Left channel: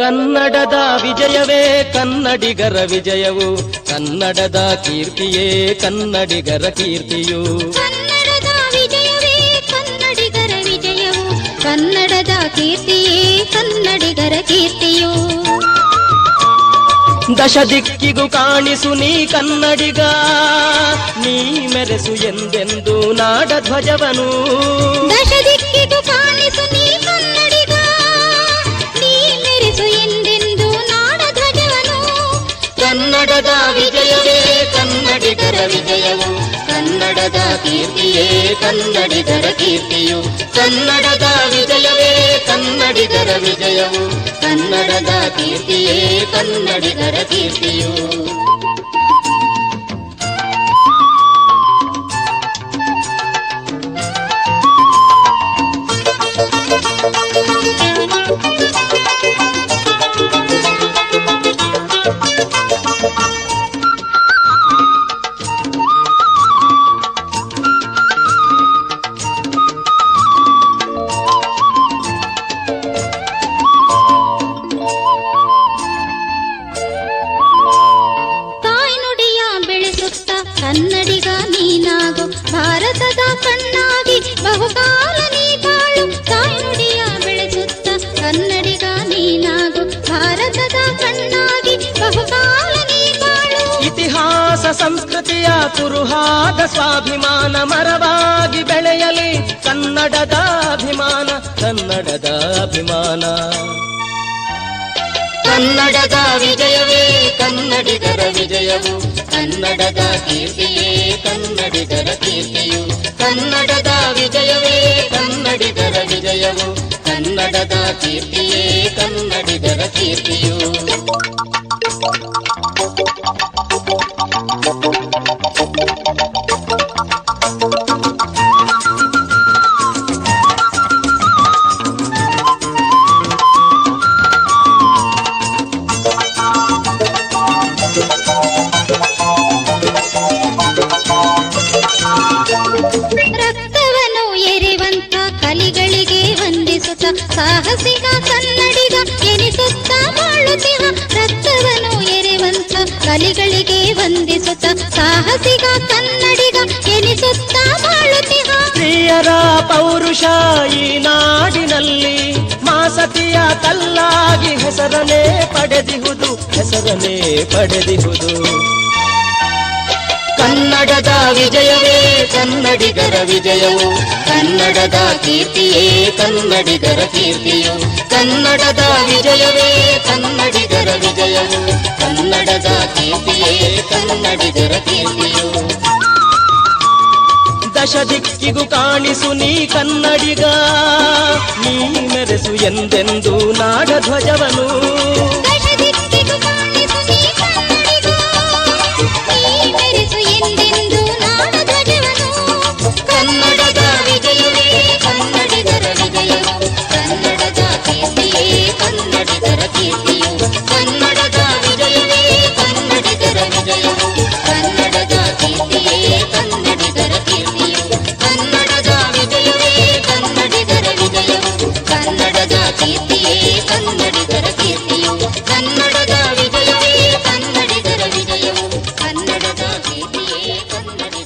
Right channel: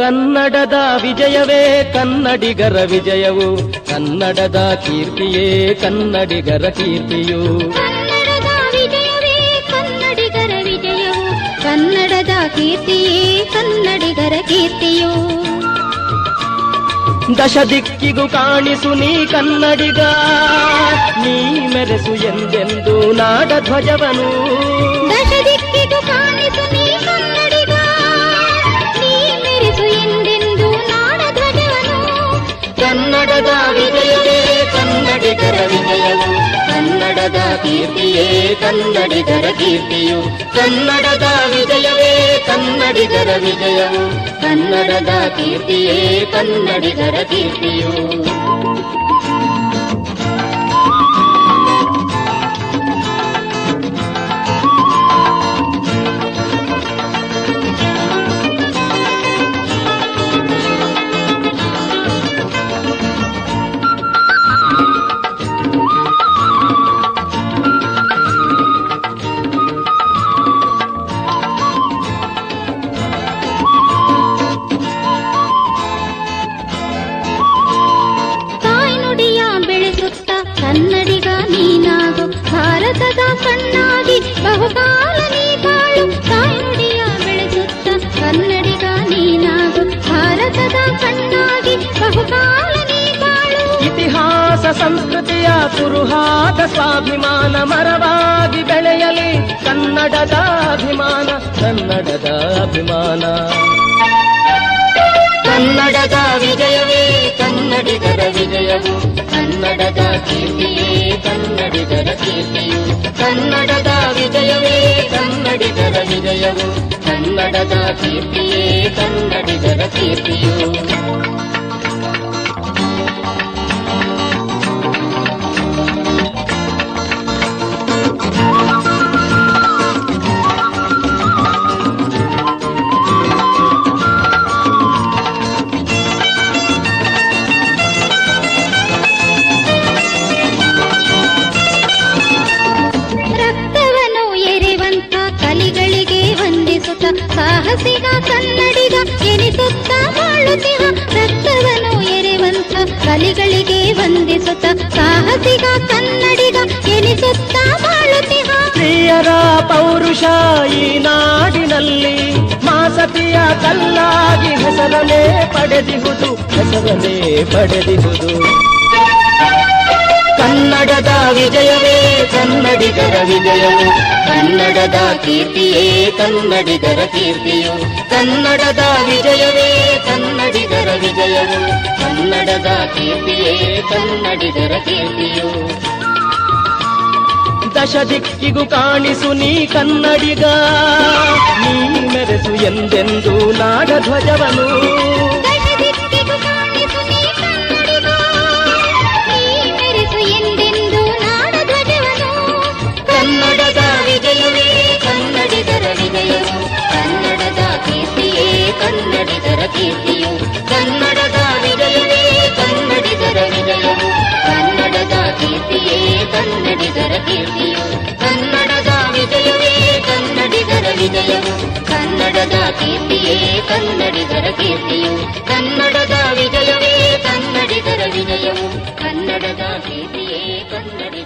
ಕನ್ನಡದ ವಿಜಯವೇ ಕನ್ನಡಿಗರ ವಿಜಯವು, ಕನ್ನಡದ ಕೀರ್ತಿಯೇ ಕನ್ನಡಿಗರ ಕೀರ್ತಿಯು. ಕನ್ನಡದ ವಿಜಯವೇ ಕನ್ನಡಿಗರ ವಿಜಯವು, ಕನ್ನಡದ ಕೀರ್ತಿಯೇ ಕನ್ನಡಿಗರ ಕೀರ್ತಿಯು. ದಶ ದಿಕ್ಕಿಗೂ ಕಾಣಿಸು ನೀ ಕನ್ನಡಿಗ, ನೀ ಮೆರೆಸು ಎಂದೆಂದು ನಾಡ ಧ್ವಜವನು. ದಶ ದಿಕ್ಕಿಗೂ ಕಾಣಿಸು ನೀ ಕನ್ನಡಿಗ, ನೀ ಮೆರೆಸು ಎಂದೆಂದು ನಾಡ ಧ್ವಜವನು. ಕನ್ನಡದ ವಿಜಯವೇ ಕನ್ನಡಿಗರ ವಿಜಯವು, ಕನ್ನಡದ ಕೀರ್ತಿಯೇ ಕನ್ನಡಿಗರ ಕೀರ್ತಿಯು. ಕನ್ನಡದ ವಿಜಯವೇ ಕನ್ನಡಿಗರ ವಿಜಯವು, ಕನ್ನಡದ ಕೀರ್ತಿಯೇ ಕನ್ನಡಿಗರ ಕೀರ್ತಿಯು. ಕನ್ನಡಿಗ ನೀನಾಗು, ಭಾರತದ ಕಣ್ಣಾಗಿ ಬಹುಕಾಲ ನೀ ಬಾಳು. ತಾಯ್ನುಡಿಯ ಬೆಳೆಸುತ್ತ ಕನ್ನಡಿಗ ನೀನಾಗು, ಭಾರತದ ಕಣ್ಣಾಗಿ ಬಹುಕಾಲ ನೀ ಬಾಳು. ಇತಿಹಾಸ ಸಂಸ್ಕೃತಿಯ ಕುರುಹಾದ ಸ್ವಾಭಿಮಾನ ಮರವಾಗಿ ಬೆಳೆಯಲಿ ಕನ್ನಡದ ಅಭಿಮಾನ, ಕನ್ನಡದ ಅಭಿಮಾನ. ಕನ್ನಡದ ವಿಜಯವೇ ಕನ್ನಡಿಗರ ವಿಜಯವು, ಕನ್ನಡದ ಕೀರ್ತಿಯೇ ಕನ್ನಡಿಗರ ಕೀರ್ತಿಯು. ಕನ್ನಡದ ವಿಜಯವೇ ಕನ್ನಡಿಗರ ವಿಜಯವು, ಕನ್ನಡದ ಕೀರ್ತಿಯೇ ಕನ್ನಡಿಗರ ಕೀರ್ತಿಯು. ಸಾಹಸಿಗ ಕನ್ನಡಿಗ ಎನಿಸುತ್ತ ಬಾಳುತ್ತಿಹ, ರಕ್ತವನ್ನು ಎರೆವಂತ ಕಲಿಗಳಿಗೆ ವಂದಿಸುತ್ತ ಸಾಹಸಿಗ ಕನ್ನಡಿಗ ಎನಿಸುತ್ತ ಬಾಳುತ್ತಿಹ. ಪ್ರಿಯರ ಪೌರುಷ ಈ ನಾಡಿನಲ್ಲಿ ಮಾಸತಿಯ ಕಲ್ಲಾಗಿ ಹೆಸರನೇ ಪಡೆದಿಹುದು, ಹೆಸರನೇ ಪಡೆದಿಹುದು. ಕನ್ನಡದ ವಿಜಯವೇ ಕನ್ನಡಿಗರ ವಿಜಯವು, ಕನ್ನಡದ ಕೀರ್ತಿಯೇ ಕನ್ನಡಿಗರ ಕೀರ್ತಿಯು. ಕನ್ನಡದ ವಿಜಯವೇ ಕನ್ನಡಿಗರ ವಿಜಯವು, ಕನ್ನಡದ ಕೀರ್ತಿಯೇ ಕನ್ನಡಿಗರ ಕೀರ್ತಿಯು. ದಶ ದಿಕ್ಕಿಗೂ ಕಾಣಿಸು ನೀ ಕನ್ನಡಿಗ, ನೀ ಮೆರೆಸು ಎಂದೆಂದು ನಾಡ ಧ್ವಜವನು. ಕನ್ನಡದ ವಿಜಯವೇ ಕನ್ನಡಿಗರ ವಿಜಯವು, ಕನ್ನಡದ ಕೀರ್ತಿಯೇ ಕನ್ನಡಿಗರ ಕೀರ್ತಿಯು. ಕನ್ನಡದ ವಿಜಯವೇ ಕನ್ನಡಿಗರ ವಿಜಯವು, ಕನ್ನಡದ ಕೀರ್ತಿಯೇ ಕನ್ನಡಿಗರ ಕೀರ್ತಿಯು. ಕನ್ನಡದ ವಿಜಯವೇ ಕನ್ನಡಿಗರ ವಿಜಯವು, ಕನ್ನಡದ ಕೀರ್ತಿಯೇ ಕನ್ನಡಿಗರ ಕೀರ್ತಿಯು. ಕನ್ನಡದ ವಿಜಯವೇ ಕನ್ನಡಿಗರ ವಿಜಯವು, ಕನ್ನಡದ ಕೀರ್ತಿಯೇ ಕನ್ನಡಿಗರ